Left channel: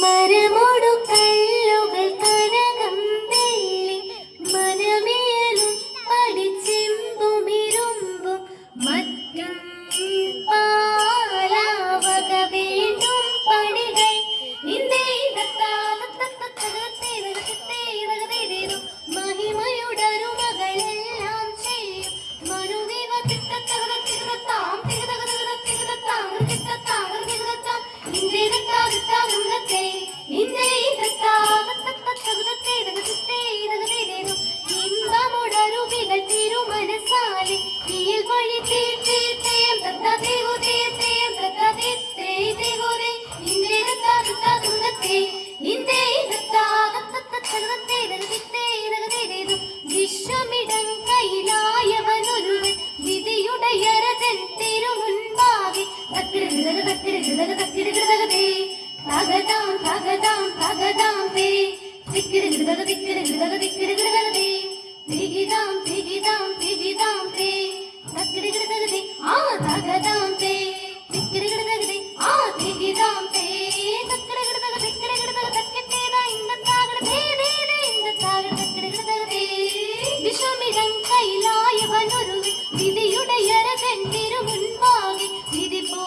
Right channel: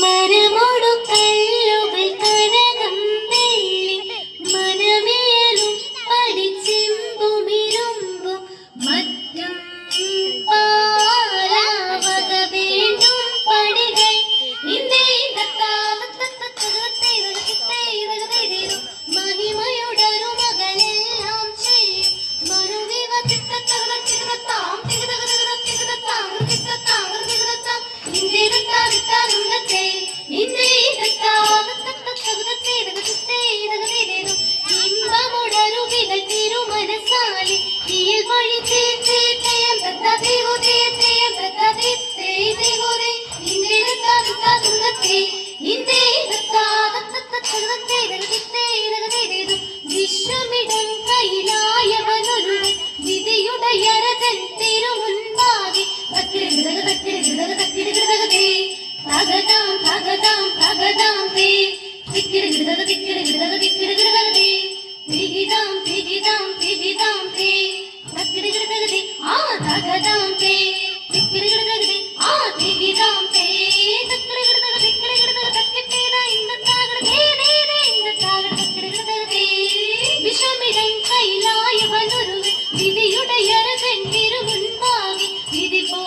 മരമോടു കല്ലുകൾ കനകം വെള്ളി മനമേലും പഠിച്ചെമ്പുമിരുമ്പും മറ്റും പാലാവക വീണ്ടും പടികൾ മഹിമയുടൊരു മകളെല്ലാം ചെയ്യും മറുവിവ ഇമ്പമുടരുവികൾ തിരുമനസാലി തീയിൽ വഴി വിശ്വമിടം കയ്യിലായവനൊരുവൻ വിധിയുടയരജൻ തിരുമുൻപാകെ തകതാം തകതാം തകതാം തേ തിക്കിടുകിടക തിക്കിടുകിടക തിക്കിടുകിടകതേ തികിതാം തികിതാം തികിതാം തേ തക്കിടുകിടകതേ ആ തകതാം തേ തിക്കിടുകിടകതേ ആ തികിതാം തേ തക്കിടുകിടക തിക്കിടുകിടക തക്കിട്ടേത ഇന്നത്താകടേ ഇന്നത്താകട തക്കിടുകിടകതേ വിശ്വമിടം കയ്യിലായവനൊരുവൻ വിധിയുടയരജൻ തിരുമുൻപാകെ വിധി പോ